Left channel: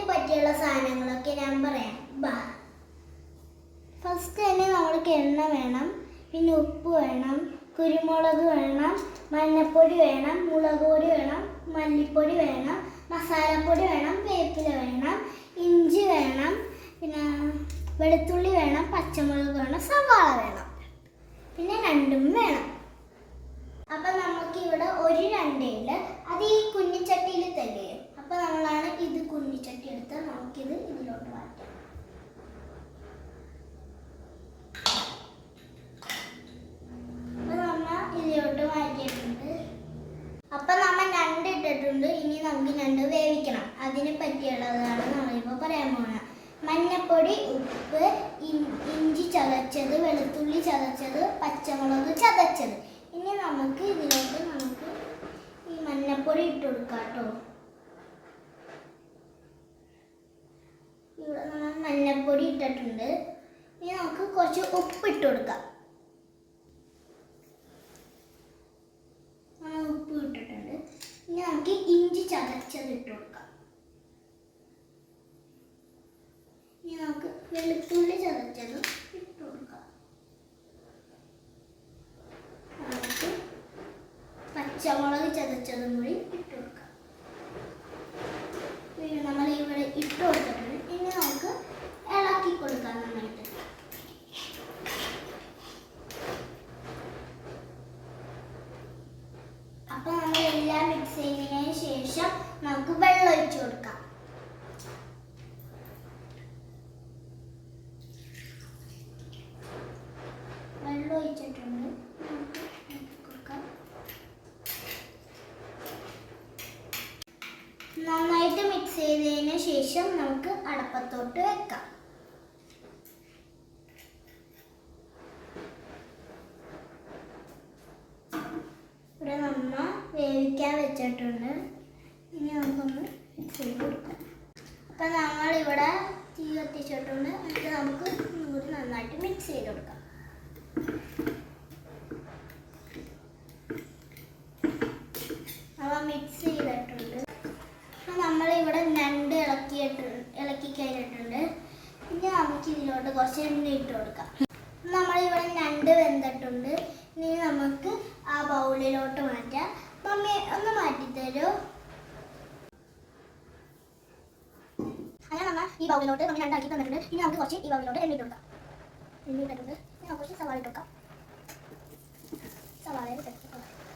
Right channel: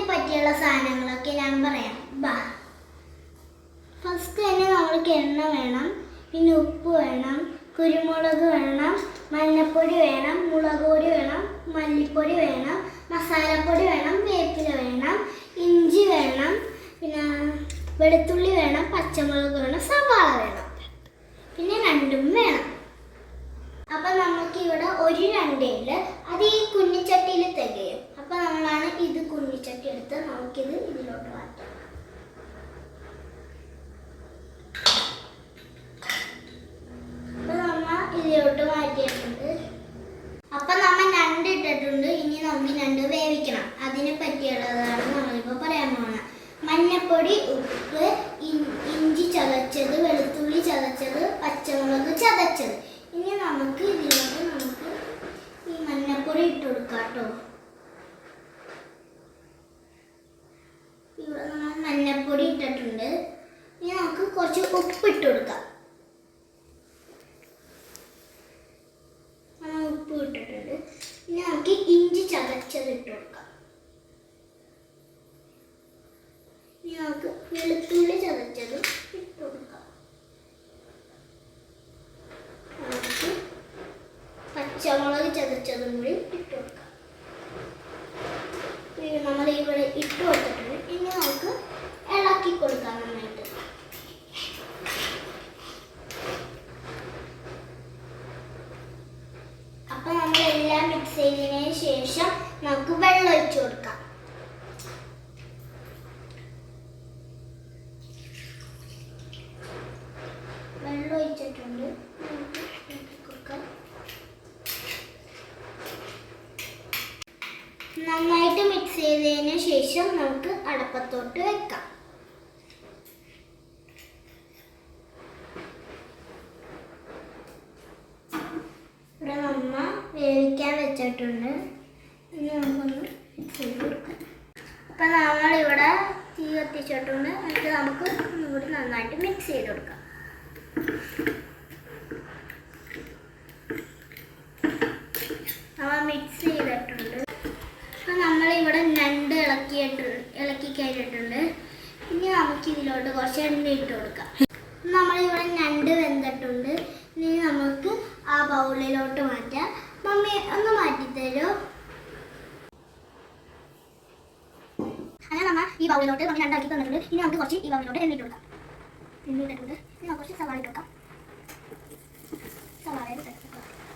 അതിന് പറ്റിയുള്ള സാധനങ്ങളൊക്കെ ഞാൻ പറയാം. ബാ. ഫസ്റ്റ് തന്നെ നമ്മൾക്ക് എണ്ണ വേണം പിന്നെ ഉപ്പ് വേണം കുരുമുളക് വേണം മഞ്ഞൾപ്പൊടി വേണം മുളക് പൊടി വേണം മല്ലിപ്പൊടി വേണം മസാലപ്പൊടി വേണം വേപ്പില വേണം ഇഞ്ചി വേണം പിന്നെ വെളുത്തുള്ളി വേണം പച്ചമുളക് വേണം സവാള വേണം. പിന്നെ രണ്ടും വേണം. അപ്പം നമുക്ക് ഇവിടെ ഒരു രണ്ടേൽ അത് ഈ കുഞ്ഞിച്ചട്ടിയിൽ തികയും അപ്പം നമ്മളാണ് ഇത് കുഞ്ഞിച്ചട്ടി എടുത്ത് നമുക്കിത് ഇതിലോട്ട് മാറ്റാം അപ്പൊ നമ്മ ഇതിലോട്ട് മാറ്റിയിട്ടുണ്ട് അപ്പൊ നമ്മ ഞണ്ട് ഇട്ടിട്ടുണ്ട് ഇനി നമുക്ക് രണ്ട് വേവിക്കണം. അതിനെ പറ്റിയുള്ളതാണ് നമ്മളിപ്പോൾ പറയാൻ പോകുന്നത് മഞ്ഞപ്പൊടി ഉപ്പ് ഇഞ്ചി ചതച്ചത് വെളുത്തുള്ളി ചതച്ചത് പച്ചമുളക് ചതച്ചത്. ഇനി നമുക്ക് ഇതിലോട്ട് നമുക്ക് ഈ മഞ്ഞപ്പൊടി ഇട്ട് കൊടുക്കാം കേട്ടോ ഇവിടെ നമ്മൾ മഞ്ഞപ്പൊടി ഇട്ടിട്ടുണ്ട്. ഇനി നമുക്ക് കുറച്ച് ഉപ്പ് ഇട്ട് കൊടുക്കാം നമ്മൾ ഉപ്പ് ഇട്ടിട്ടുണ്ട് ഇനി നമുക്ക് ഇഞ്ചി കൊടുക്കാം. ഇനി നമുക്ക് വെളുത്തുള്ളി ചതച്ചത് ഇട്ട് കൊടുക്കാം. നമുക്ക് പച്ചമുളക് ചതച്ചതും കൂടി ഇട്ട് കൊടുക്കാം ഇത് നമ്മൾ ഇവിടെ ഇട്ട് കൊടുത്തിട്ടുണ്ട് ഇനി നമുക്ക് ഇളക്കി കൊടുക്കാം നന്നായിട്ട് അപ്പൊ നമ്മൾ മിക്സ് ശേഷം നമുക്ക് വെള്ളം ഒഴിച്ചു കൊടുക്കാം. വെള്ളം ഒഴിച്ചിട്ടുണ്ട്. നന്നായിട്ട് മിക്സ് ചെയ്തതിന് ശേഷം നമുക്ക് അടപ്പത്തോട്ട് വെക്കാം. വെച്ചിട്ടുണ്ട് ഇനി നമുക്കൊന്ന് മിക്സ് ചെയ്ത് കൊടുക്കാം. അപ്പം നമ്മളിവിടെ തീ കത്തിച്ചിട്ടുണ്ട്. എന്നിട്ട് നമുക്ക് ഇവിടെ നന്നായിട്ട് മിക്സ് ചെയ്ത് കൊടുക്കാം. അവ മിക്സ് ചെയ്തിട്ടുണ്ട്. അപ്പം നമ്മളിവിടെ ഞണ്ട് ഇളക്കിയിട്ട് ഇളക്കി കയറിയിട്ടുണ്ട് ഇനി നമുക്ക് ഇതിലോട്ട് കുറച്ച് എണ്ണ ഇട്ട് കൊടുക്കാം. നമ്മളിവിടെ ഞണ്ട് വെന്തിട്ടുണ്ട്. ഇനി നമുക്ക് ആ ബൗളിലോട്ട് മാറ്റാം. ഒന്ന് മാറ്റിത്തരോ അങ്ങനെ നമ്മ ഈ ബൗളിലോട്ട് നമ്മൾ രണ്ടാക്കി തന്നിട്ടുണ്ട്. ഇനി നമുക്ക് കുറച്ച് ഈ ബൗളിലോട്ട് എണ്ണ എണ്ണ ഇട്ടിട്ടുണ്ട്. ഇനി നമുക്ക് കുറച്ച് സവാള ഇട്ട് കൊടുക്കാം. സവാള.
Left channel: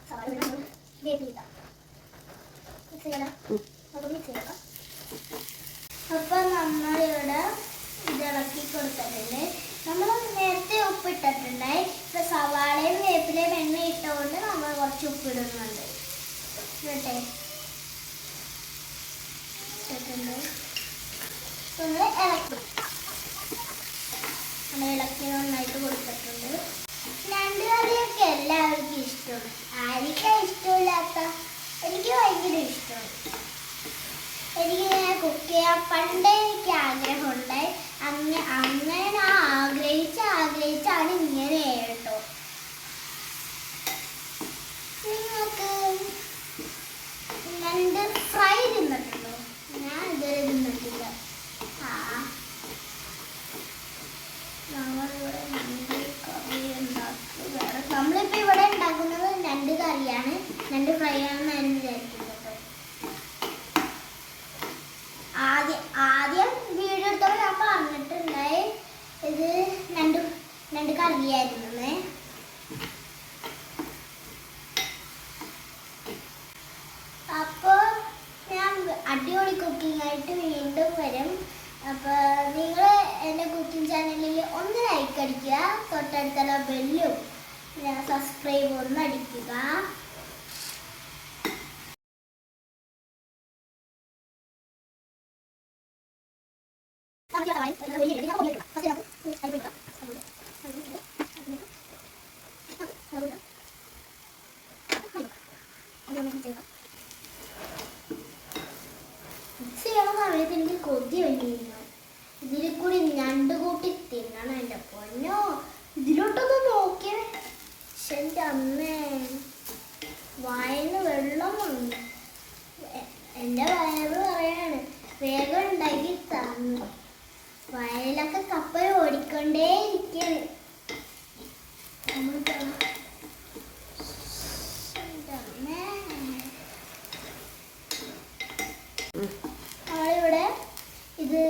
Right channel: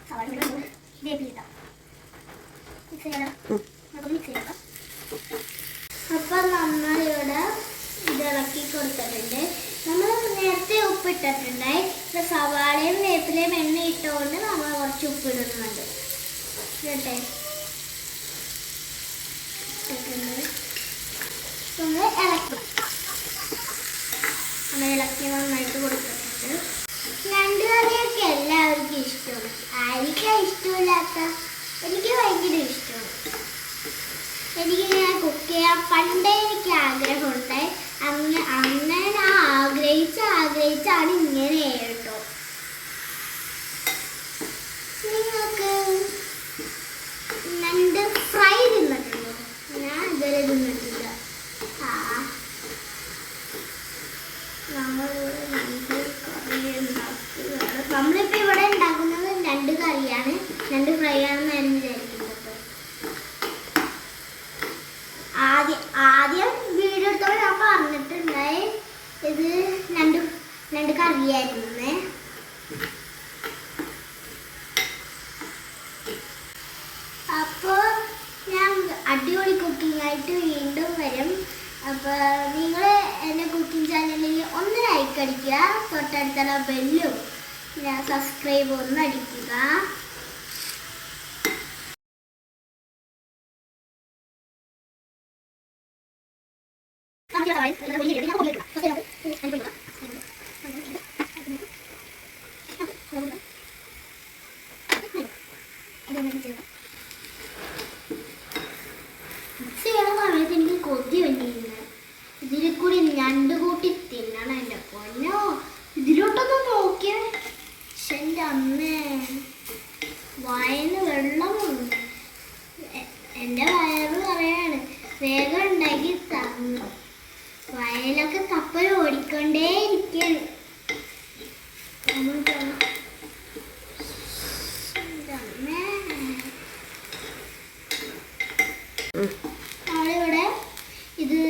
സവാള ഇട്ട് മിക്സ് ചെയ്യണം. നമുക്ക് മിക്സ് ചെയ്യണം അപ്പൊ നമ്മളിവിടെ ഇത് ഇളക്കി കൊടുത്തിട്ടുണ്ട്. നമ്മൾ നേരത്തെ ഉപ്പിട്ടിട്ടുണ്ടായി. സവാളയും വേപ്പിലയും എണ്ണ ഇട്ടുകൊണ്ട് നമ്മൾ കുറച്ച് ഉപ്പിടുന്നുണ്ട്. നമ്മൾ ഇളക്കി. നമ്മൾ ഇളക്കി നന്നായിട്ട് കൊടുത്തിട്ടുണ്ട് രണ്ട് കറിയൊക്കെ എല്ലാവർക്കും ഇഷ്ടമാണ് ആർക്കാ ഇഷ്ടമില്ലാത്ത എനിക്ക് ഭയങ്കര ഇഷ്ടമാണ് എനിക്ക് ഇങ്ങനെ കുക്ക് ചെയ്യാൻ പണ്ടേ എനിക്ക് ആഗ്രഹമുണ്ടായി അങ്ങ അങ്ങനെ ഞാൻ ആഗ്രഹിച്ച് ആഗ്രഹിച്ചാണ് ഇങ്ങനെ കേട്ടോ നിങ്ങൾക്ക് ഞണ്ട് ഫ്രൈ തിന്നിട്ടുണ്ടോ ഞാൻ ഇതുവരെ തിന്നിട്ടില്ല ആ നമ്മളിവിടെ ഞണ്ട് കറി ഉണ്ടാക്കുക നമ്മളിപ്പോൾ ഇവിടെ ഉണ്ടാക്കുന്നത് ഞണ്ട് ഞണ്ട് ഫ്രൈ ആണെന്ന് വിചാരിക്കുന്നത് ആദ്യം ആദ്യം വീഡിയോ എടുത്തപ്പോൾ ഞാൻ പറഞ്ഞിട്ടുണ്ടായി ഇത് രണ്ട് രണ്ട് കറിയായിരുന്നു. അപ്പോൾ ഞാൻ അടിപൊളി കുക്കിംഗ് ആയിട്ട് വീണ്ടും വരും. അപ്പോൾ നിങ്ങൾ എന്റെ കുക്കിംഗ് ചാനലിൽ ഒന്ന് ലൈക്ക് അടിക്കുക തൊട്ടടുത്തുള്ള ബെല്ലും സബ്സ്ക്രൈബ് ഒന്ന് അടിക്കുക. എനിക്ക് കൊതി വന്നിരുന്നു ഇതിൽ കൂടി ഞണ്ട് കൂട്ടി തിന്നണം എന്റെ പൊന്നോ ഇതിലോട്ടൊക്കെ നോക്കിയേ പക്ഷെ അമ്മേ വായന്ന് വെള്ളം വന്നു എ- എന്റെ വയറ് ഇവിടൊക്കെ കപ്പൽ ഓടിക്കൊണ്ടേ ഇരിക്കുന്നു നമ്മളിവിടെ ഇത്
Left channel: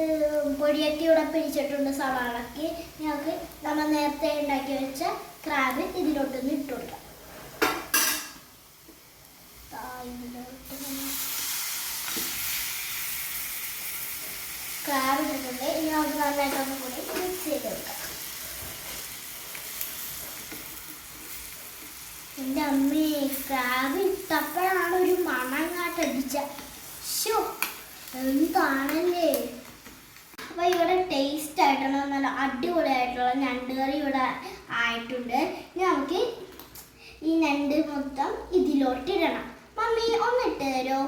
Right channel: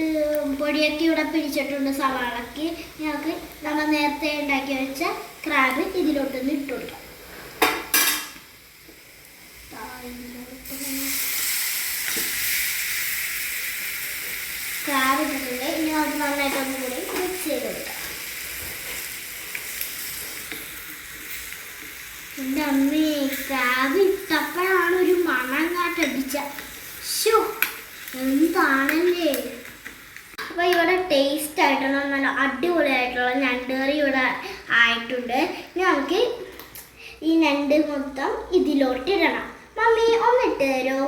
പൊടിയൊക്കെ ഇവിടെ പിടിച്ചിട്ടുണ്ട് സവാളക്ക്. ഞങ്ങൾക്ക് നമ്മൾ നേരത്തെ ഉണ്ടാക്കി വെച്ച ക്രാബ് ഇതിലോട്ടൊന്ന് ഇട്ട് കൊടുക്കാം ആ, ഇതിലോട്ടൊന്ന് ക്രാബ് ഇട്ടിട്ടുണ്ട് ഇനി നമുക്ക് നന്നായിട്ട് ഒന്നും കൂടി മിക്സ് ചെയ്ത് എന്റെ അമ്മേ ക്രാബ് ഇട്ടപ്പോഴാണ് ഒരു മണം കാട്ടടിച്ച ശോ എന്താണല്ലേ? അപ്പൊ ഇവിടെ ടേസ്റ്റ് ആയിട്ടുള്ള നല്ല അടിപൊളിയായിട്ടുള്ള ഞണ്ട് കറി ഇവിടെ ആയിട്ടുണ്ട്. ഇനി നമുക്ക് ഈ ഞണ്ട് മൊത്തം ഇതിലോട്ട് ഇടണം. മമ്മി ഒന്നിട്ട് തരുമോ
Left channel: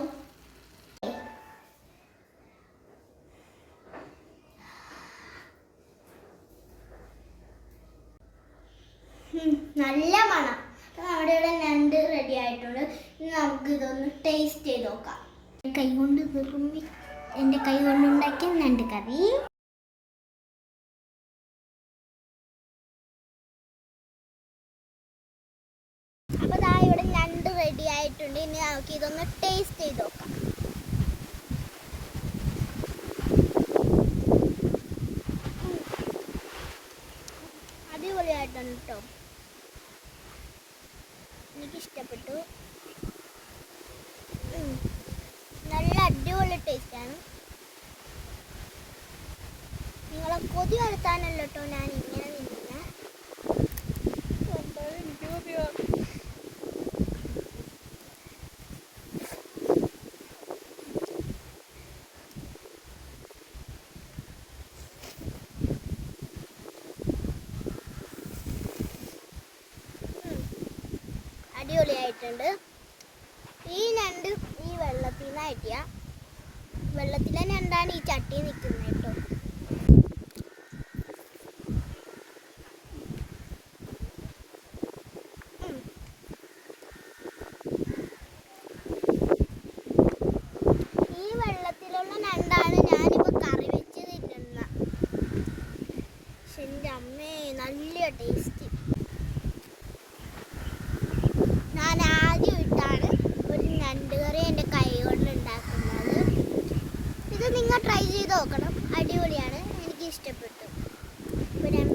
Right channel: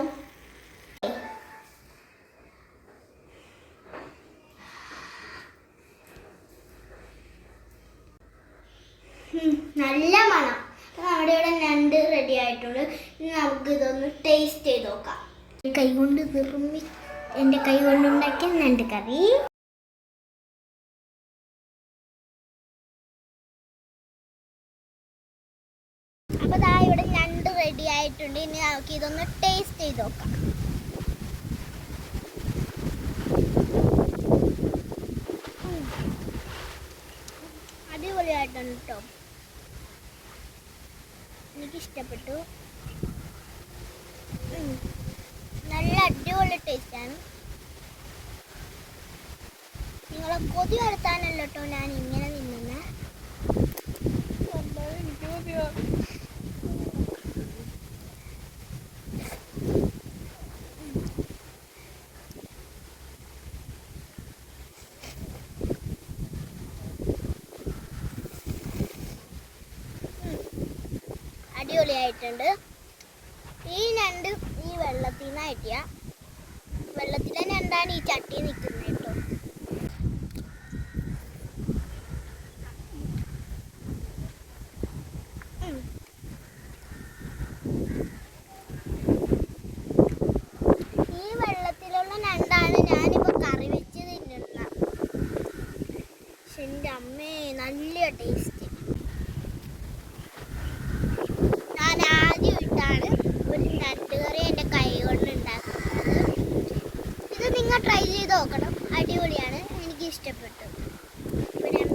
നല്ല മണം. അപ്പം നമ്മുടെ ഇവിടെ ഞണ്ട് റെഡി ആയിട്ടുണ്ട്. ഇനി നമുക്ക് ഇതൊന്ന് ടേസ്റ്റ് ചെയ്ത് നോക്കാം. കൈ കൊണ്ട് നിർമ്മി എന്റെ കൈ കൊണ്ടുണ്ടാക്കിയ ഞണ്ട് കറി. അപ്പൊ ദാ ഇവിടെ ഞണ്ട് റെഡി ആയിട്ടുണ്ട്. ഇനി നമുക്ക് ഇതൊന്ന് ടേസ്റ്റ് ചെയ്ത് നോക്കാം. അടിപൊളിയായിട്ടുണ്ട് കേട്ടോ എനിക്ക് ഇഷ്ടപ്പെട്ടു. നല്ല അടിപൊളി ടേസ്റ്റാണ് നിങ്ങളെ കൊതി വരുത്താനല്ലോ കേട്ടോ ഞാൻ ഇങ്ങനെ നിന്നുന്നത് അടിപൊളിയായിട്ടുണ്ട്. ഈ ഞണ്ട് ഈ വെള്ളത്തിൽ നിന്ന് വെള്ളത്തിൽ വെള്ളത്തിലെ ഞണ്ടാണ് ഈ ചട്ടി നിൽക്കുന്നത് കേട്ടോ ഉം. ഈ വെള്ളത്തിലുള്ള ഞണ്ടാണ് ഞാനിപ്പോ കറി വെച്ച് തിന്നുന്ന എന്റെ അമ്മേ നല്ല ടേസ്റ്റ് ഞാൻ ആദ്യമായിട്ടാണ് ഒരു കറി എന്റെ കൈ കൊണ്ട് ഉണ്ടാക്കുന്നത്. ഇത് നിങ്ങൾ ട്രൈ ചെയ്ത് നോക്കണം. അടിപൊളിയാണ്. എനിക്ക് ഇഷ്ടപ്പെട്ടു ഇപ്പോൾ ഞാൻ